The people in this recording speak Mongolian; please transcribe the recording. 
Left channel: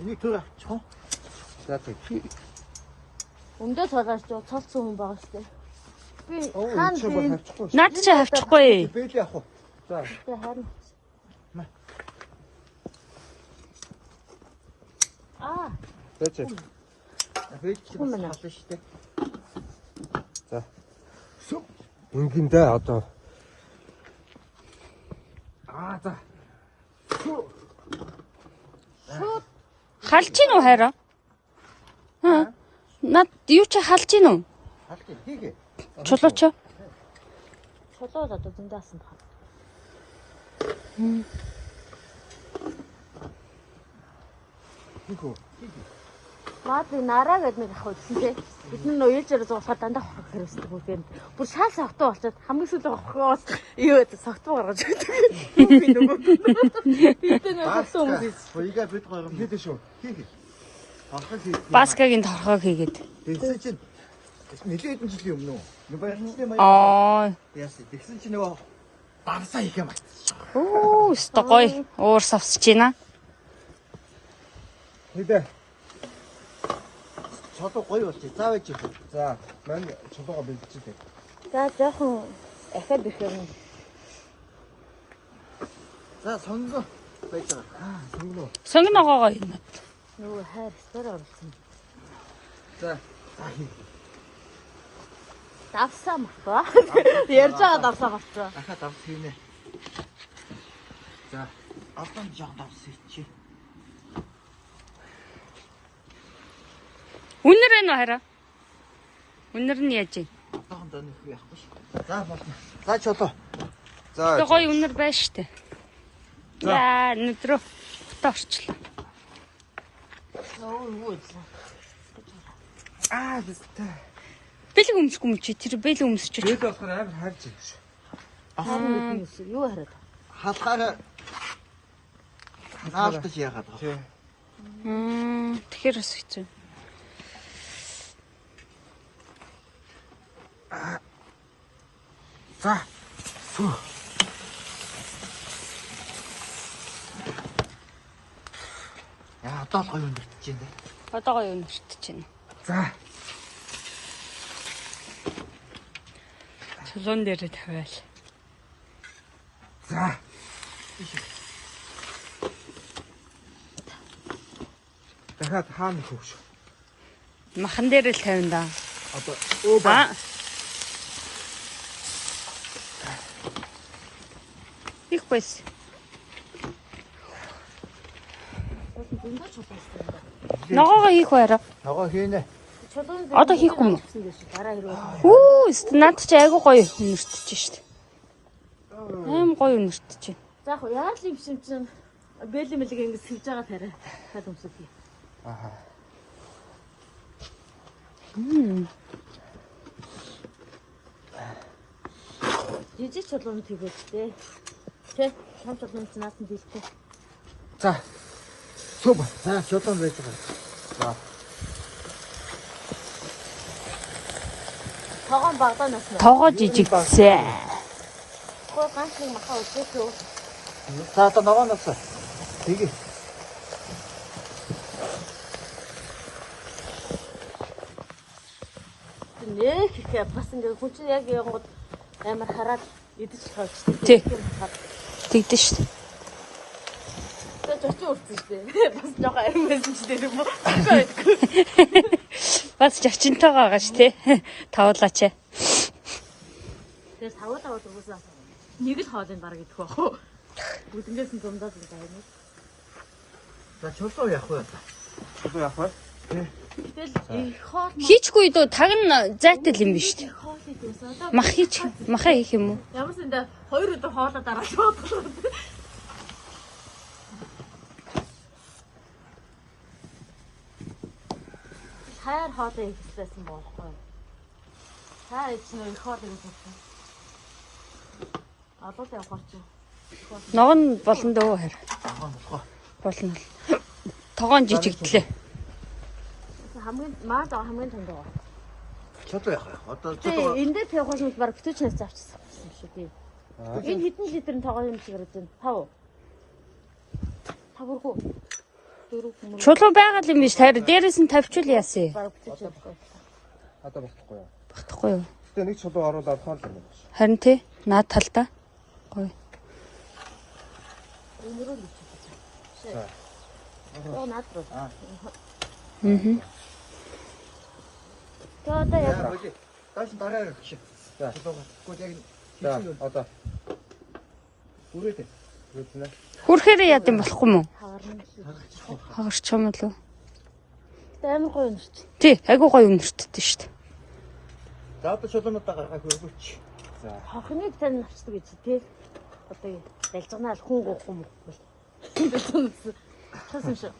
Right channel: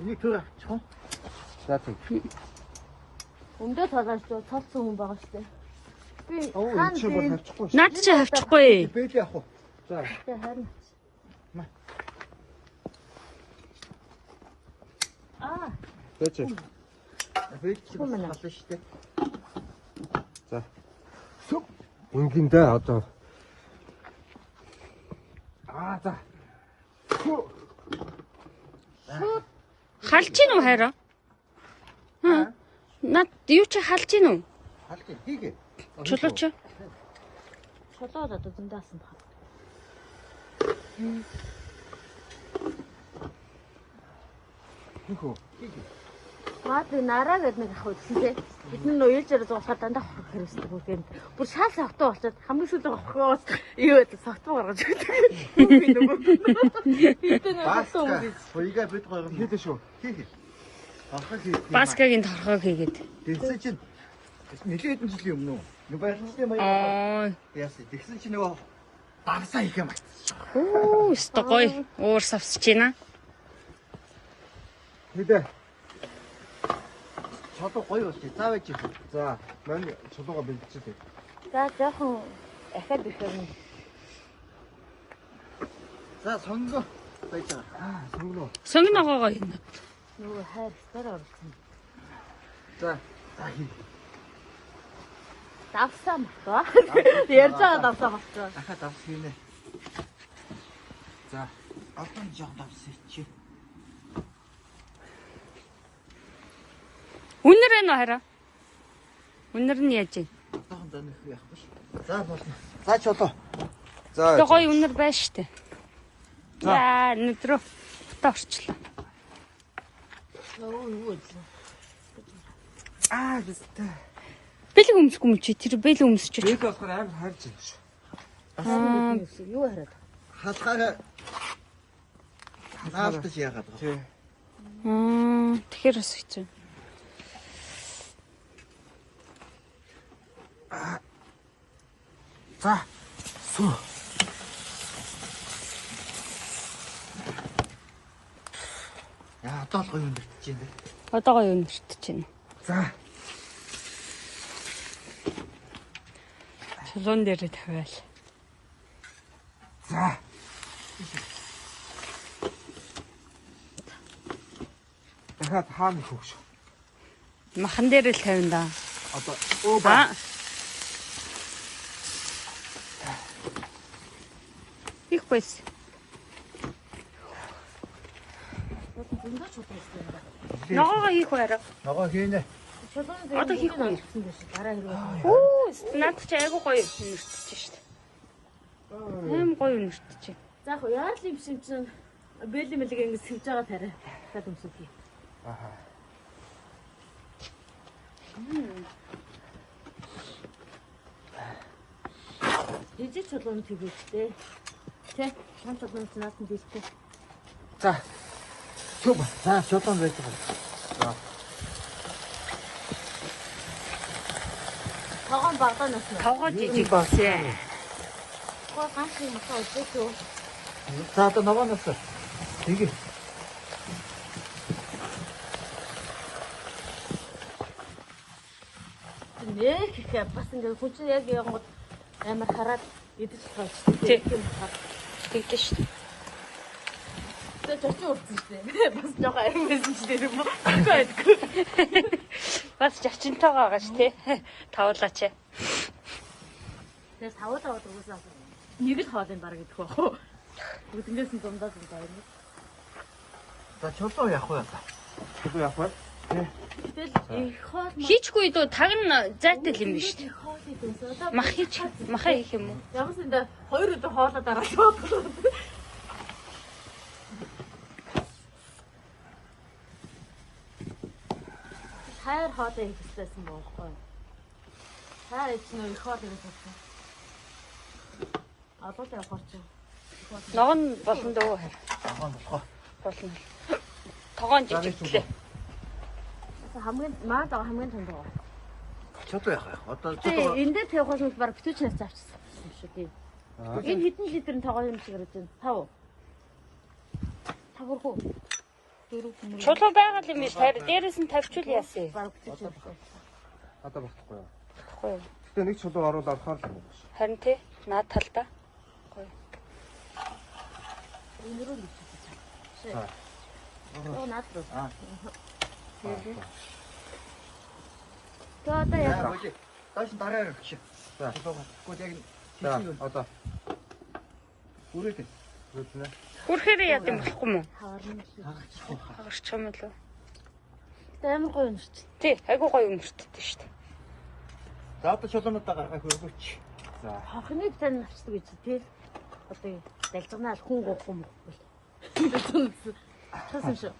Энийг төр авчих. За тийм. Өндөө цалаач цолцсон хүн байгаа шүү дээ. Би Чи бол авчихгүй. Наад чи авчихгүй. Бэли авах уу? За. Тэ харин. Бэж. Бэж чи бас хална шүү дээ. За. Үнгиндээ одоо. За. Халж гин үү хараа? Наад юу чи халж гин үү? Халж хийгээ. Чулууч. Чулууд одоо зөндаасан баг. Хөө. Маад нараа гэдэг нэг хавдсан тий. Бидний нуурж яриад болохоор дандаа хэрэгтэй бүгд. Тэр шаал савтаа болчиход хамгийн сүүлд хохоос юу гэдэг савтаа гаргаж ирдэг. Хоёгаа бид гоё юм хийдэ шүү. Хийгээ. Баскагийн торхойг хийгээд. Тэгсэн чинь нэлийн хэдэн жилийн өмнө үү? Нэг баяртай яасан. Тэгсэн чинь нөгөө дагсаа хийх юм байна. Оо, өстой гоё. Уур савсж байна. Хэдэ. Чулуу гоё болчих. Заавч. За, мань чулууга бэлдчихээ. За жоохон ахаад их юм. За, сонгоо байж байгаа. Сонгоо. Сонгоогоо юм. Нөгөө хайр дээр орсон. За, хий. Давсаа мөхгүй. Ярьж байгаа давсаа мөхгүй. Ахаа давс хийнэ. За, одоо жоо давс хийчих. Үнэр энэ хараа. Үнэр нь яаж вэ? Одоохон донох яахгүй шүү. За болно. За чулуу. Тэгээ гоё үнэр байна штэ. Яа, өдрөө фото орчлоо. Ястай. Бэлэг өмсөхгүй юм чи тэр бэлэг өмсөж. Бид болохоор амар хайж юм шиг. Юу хараад? Халахаар наалтаж яагаад байгаа. Тэгэхээр бас хэцүү. За. Одоо гоё өндөртөж байна. Одоо гоё өнөртөж байна. За. Чулуун дээр тавиал. За. Дахиад хаана хөвш. Махан дээр л тавина да. Одоо их байс. Ногоогоо хийх байраа. ногоо хийнэ. Одоо хийхгүй юм. Үу, над чи айгу гоё өнөртөж штт. Аим гоё өнөртөж. За яа л юм шимчин бэлэн мэлэг ингэ сэрж байгаа тарай. Дахиад өмсөв. Жижиг чулуунд хийвэжтэй. Тэ, том чулуунд наасан дийстэй. За. За, чулуун байж байгаа. Тогоон багаа нэсэн. Тогоо жижиг багсаа. Хоо ганцхан нахаа үзээ. За, одоо ногоо носоо. Тэгээ. Нэх их бас ингэ хүч яг юм амар хараад идэж байгаа. Тий. Тэгдэж штт. Бас нэг аян байсан ч гэх юм. Бас зочинтойгоо гаш тий. Тавуулаач. Тэгээ тавуулаа уусаа. Нэг л хоолын баг идэх байх. Бүгднээс нь дундаад л байна. За, чулуу явах уу? Чулуу явах уу? Тэгэл их хоол Хийчгүй дөө тагна зайтай л юм биш тий. Мах хийх юм уу? ямар ч энэ 2 өдөр хоолоо дараа шууд. Хайр хоолоо хийчихсэн байхгүй. Хайр чинь хоол хийчихсэн. Одоо л явах чинь. Ногоон болон дөө хэр. Ногоо носоо. Болно. Тогоон жижигдлээ. Хамгийн маа заа хамгийн тунд байгаа. Чулуу явах. Одоо Тий, чулуу. энэ дээр тавих хүмүүс баг бүтээчнээс авчихсан юм шүү дээ. Энэ хэдэн литрийн тогоо юм шиг яриад байна? 5. 5 хөө. Чулуу байгаа юм биш харин дээрээс нь тавьчул яасан. Одоо багтахгүй юу? Багтахгүй юу? Гэтэ нэг чулуу оруулаад орохоор л юм. Харин тий наад талдаа. Гоё. Өнөрөө л За. оо наад руу. Аа. Одоо яг Окей. Тааш дараа гарч. За. Чулуу багтахгүй яг За одоо үрээд. зүтнэ. Хүрхээр яд юм болохгүй мүү? хаварна. Хагарч юм уу? Амар гоё юм шүү. Тий, айгуу гоё өнөртдөө шүү дээ. За одоо чулуунуудаа гаргах хөргөч. За. Хохныг тань авчдаг гэж тий. Одоо далжганаа хүн гоохгүй юм бол. Хөөсөн шүү.